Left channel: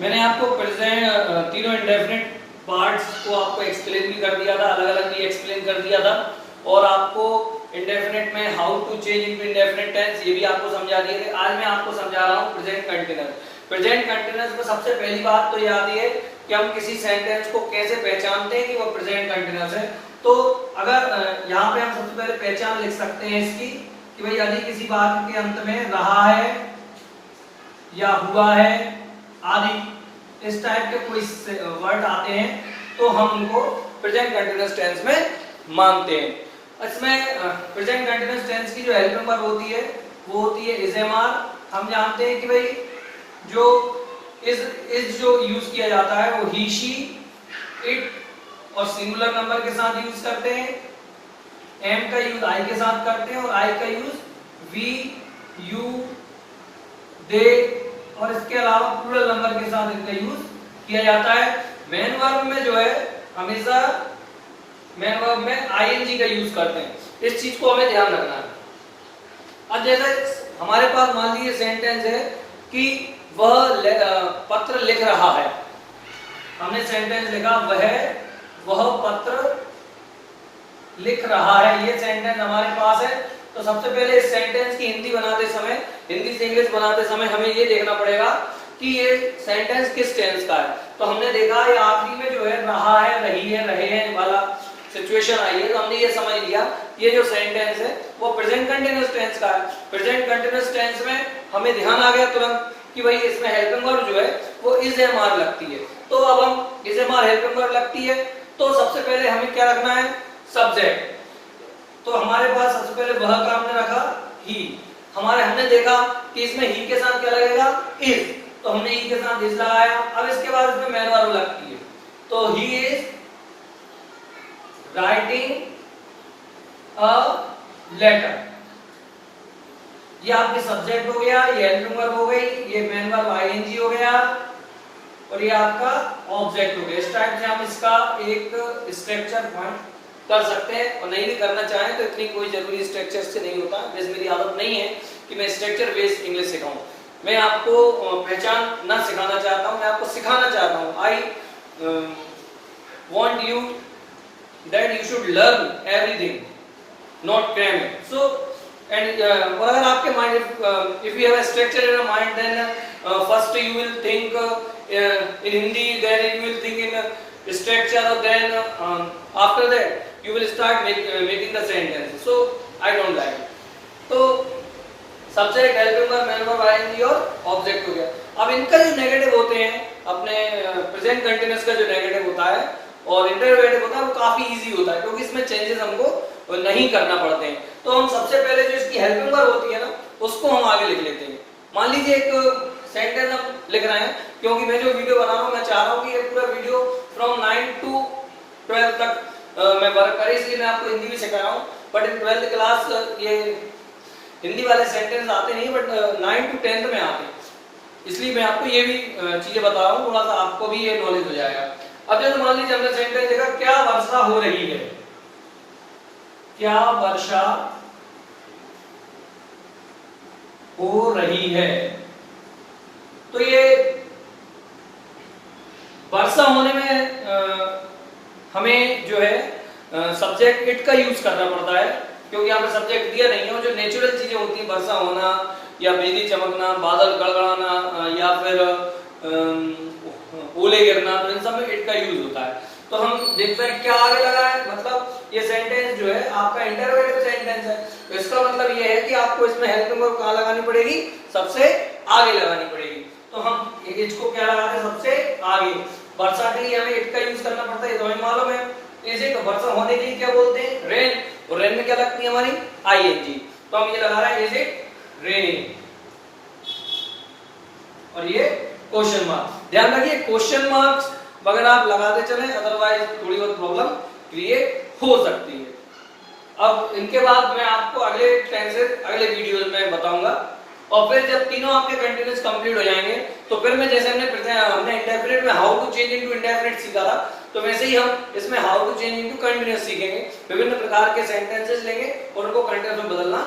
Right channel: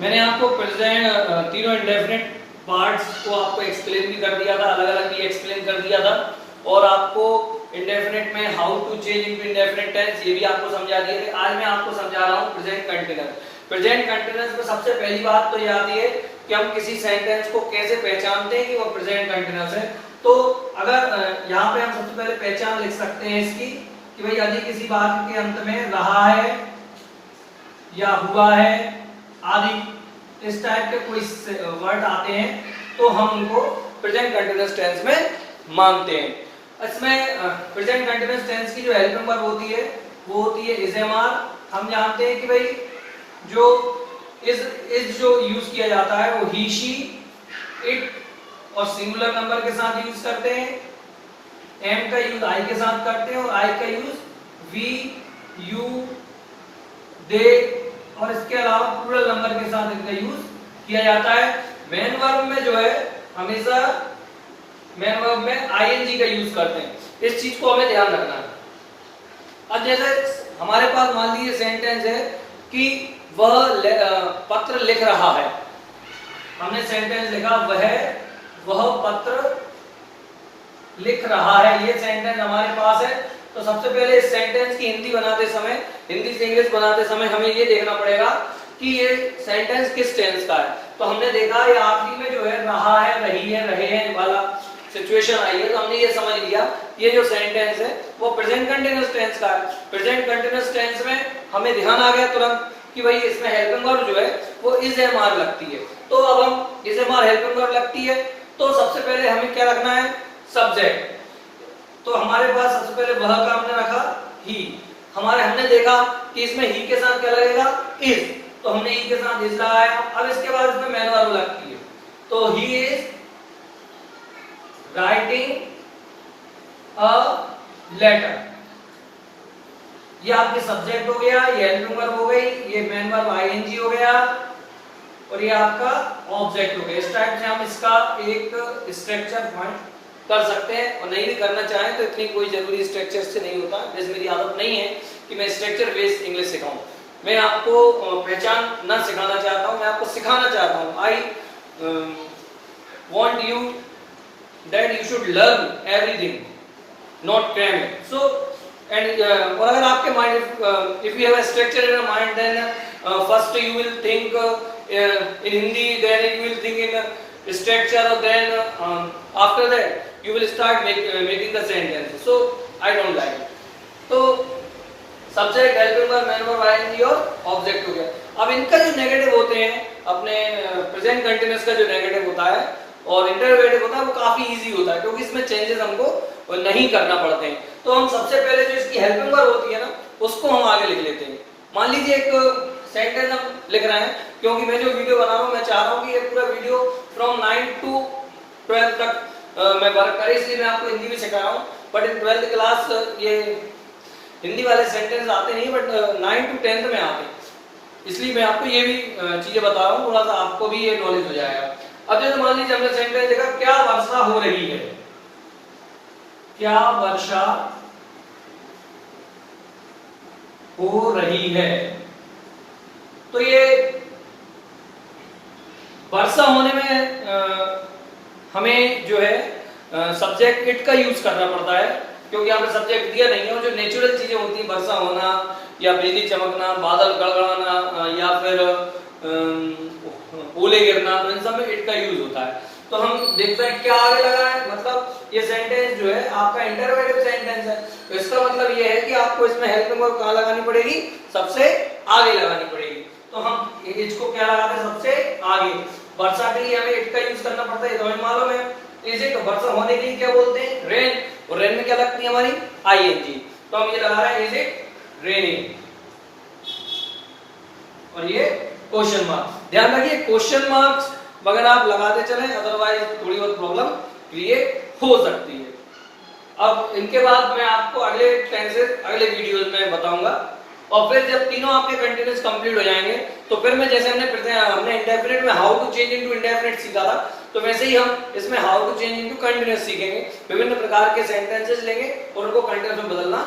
मैंने आपको प्रेजेंट तीनों इंडेफिनिट पार्ट्स को आपको एक्सप्लेन भी कर दिया था, अलग अलग भी एक्सप्लेन कर दिया था, और आपको इंडेफिनिट में how to change into indefinite tense ये भी आपको समझा दिया था। आज मैं आपको समझा रहा हूँ प्रेजेंट कंटिन्यूअस। प्रेजेंट कंटिन्यूअस में सबसे पहली बात तो ये आती है कि हम किसी सेंटेंस को कैसे पहचानते हैं कि वो प्रेजेंट कंटिन्यूअस है। तो अगर यहाँ पे हम सबसे पहले पहचान लिख सकते हैं इसकी कि भाई यदि किसी बात के अंत में रहा है या हुआ है आदि इस टाइप के कोई वर्ड आते हैं तो हम उनको प्रेजेंट कंटिन्यूअस टेंस में मानते हैं। इसमें प्रेजेंट कंटिन्यूअस टेंस की जो हेल्पिंग वर्ब होती है वो होती है इज एम आर। हम जानते हैं कि भाई जो इज जो यूज किया जाता है वो ही शी इट और सिंगुलर नंबर के साथ यूज करते हैं, एम का यूज आई के साथ करते हैं और आई का यूज वी यू दे और इसके अलावा प्लूरल नंबर के साथ इनका यूज किया जाता है। मेन वर्ब में जो है हमेशा मेन वर्ब में आईएनजी का यूज करते हैं, इस चीज को हमें ध्यान रखना है। अब जैसे हमारे पास मान लीजिए सेंटेंस है कि वह पत्र लिख रहा है, हमने सेंटेंस लिखा वह पत्र लिख रहा है, ये सेंटेंस हमारे पास है। तो सबसे पहले इस सेंटेंस की हिंदी बनाते समय, हिंदी से इंग्लिश बनाते समय हमें ये देखना पड़ेगा कि ये सेंटेंस किस टेंस का है। तो हमने देखा ये आखिरी में जो है रहा है, रही है, रहे हैं वाला सिचुएशन आई है, तो हमने ये समझ लिया ये जो सेंटेंस है वो प्रेजेंट कंटिन्यूअस टेंस का है। प्रेजेंट कंटिन्यूअस टेंस में हमें ध्यान आ गया तुरंत कि भाई इसमें हेल्पिंग वर्ब जो है वो इज एम आर लगती है। तो अब हम is am are helping verb लगती है तो सबसे पहले हमें क्या रखना है, सब्जेक्ट। तो हमारे पास सबसे पहले वह का हमने रखा ही, हमने देखा कि इसमें ही के साथ क्या लगेगा, इज, तो हमने ही के साथ इज लगाया। अब इसके बाद इसमें मेन वर्ब लगती है, तो he is writing a letter, ये आपके सब्जेक्ट हो गया, ये हेल्पिंग वर्ब हो गई, ये मेन वर्ब आईएनजी हो गया और ये आपका ऑब्जेक्ट हो गया। इस टाइप से हम इसका एक स्ट्रक्चर पॉइंट कर सकते हैं, और नहीं भी करना चाहें तो इतनी कोई जरूरी स्ट्रक्चर से नहीं होता। जैसे मेरी आदत नहीं है कि मैं स्ट्रक्चर बेस्ड इंग्लिश सिखाऊं, मैं आपको पहचान न सिखाना चाहता हूं, मैं आपको सिखाना चाहता हूं। I want you that you should learn everything, not cram it. So and और अगर आपके mind if you have a structure in your mind then first you will think in Hindi, then you will think in structure, or then after that you will start making the sentence. So I don't like it. तो subject, helping verb, main verb, ING और object हो गया। अब इनका जो negative होते हैं, अपने प्रेजेंट कंटिन्यूअस का जो नेगेटिव होता है और इंटरोगेटिव होता है वो काफी इजी होता है क्योंकि इसमें चेंजेस हमको नहीं करना पड़ते हैं। तो हम सबसे पहले जो इसकी हेल्पिंग वर्ब होती है ना उसको हम आगे लिख लेते हैं। मान लीजिए एक सेंटेंस हम लिख रहे हैं, क्योंकि मैं जो वीडियो बना रहा हूँ मैं चाह रहा हूँ कि ये पूरा वीडियो फ्रॉम 9 to 12 तक मैं वर्क करे, इसलिए मैं आपको हिंदी भी सिखा रहा हूँ। बट इन 12th क्लास ये हिंदी वाले सेंटेंस आते नहीं, बट 9 to 10 में आते हैं, इसलिए मैं आपको ये भी चीजें बता रहा हूँ, थोड़ा सा आपको भी ये नॉलेज हो जाएगा। अब जैसे मान लीजिए हमने सेंटेंस देखा क्या वर्षा हो रही है, क्या वर्षा हो रही है, तो ये वर्षा होने में हमें जो है सब्जेक्ट इट का यूज करना पड़ता है, क्योंकि यहाँ पे सब्जेक्ट दिया नहीं है। और जो नेचुरल चीजें होती हैं, वर्षा होना या बिजली चमकना, बादल गड़गड़ाना या फिर ओले गिरना, तो इन सब में इट का यूज होता है। तो हम देखते हैं क्या आगे लगा है, मतलब ये सेंटेंस जो है आपका इंटरोगेटिव सेंटेंस है, तो इसका मतलब ये है कि आपको इसमें हेल्पिंग वर्ब कहाँ लगानी पड़ेगी, सबसे आगे लगानी पड़ेगी। तो हम इसको क्या लगाते हैं, सबसे आगे। वर्षा के लिए हमें इट का यूज करना पड़ता है, तो हमें मालूम है। इसे वर्षा होने के लिए क्या बोलते हैं, रेन, और रेन में क्या लगती है हमारी आईएनजी, तो हम ये लगा रहे हैं इज इट रेनिंग, और ये क्वेश्चन मार्क। ध्यान रखिए क्वेश्चन मार्क्स अगर आप लगाते चले, अदरवाइज थोड़ी बहुत प्रॉब्लम क्रिएट हो सकती है। अब इनके बाद मैं आपको अगले टेंसेस अगले वीडियो में बताऊंगा, और फिर जब तीनों आपके कंटिन्यूअस कंप्लीट हो जाएंगे तो फिर मैं जैसे हमने इंडेफिनिट में how to change into indefinite सीखा था, तो वैसे ही हम इसमें how to change into continuous सीखेंगे। विभिन्न प्रकार के सेंटेंसेस लेंगे और उनको कंटिन्यूअस में बदलना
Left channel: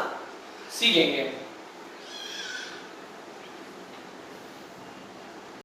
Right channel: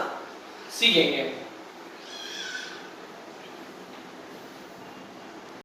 सीखेंगे।